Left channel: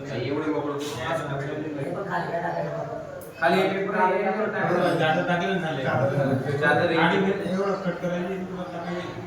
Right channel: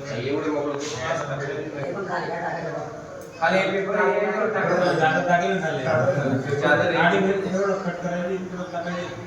नाही, एवढं मोकळं करून असं टाकायचं. खाली हे पेपर आहे. जागा टाकले झाले चादर गाडी एवढं कट करायची इकडं टाकायची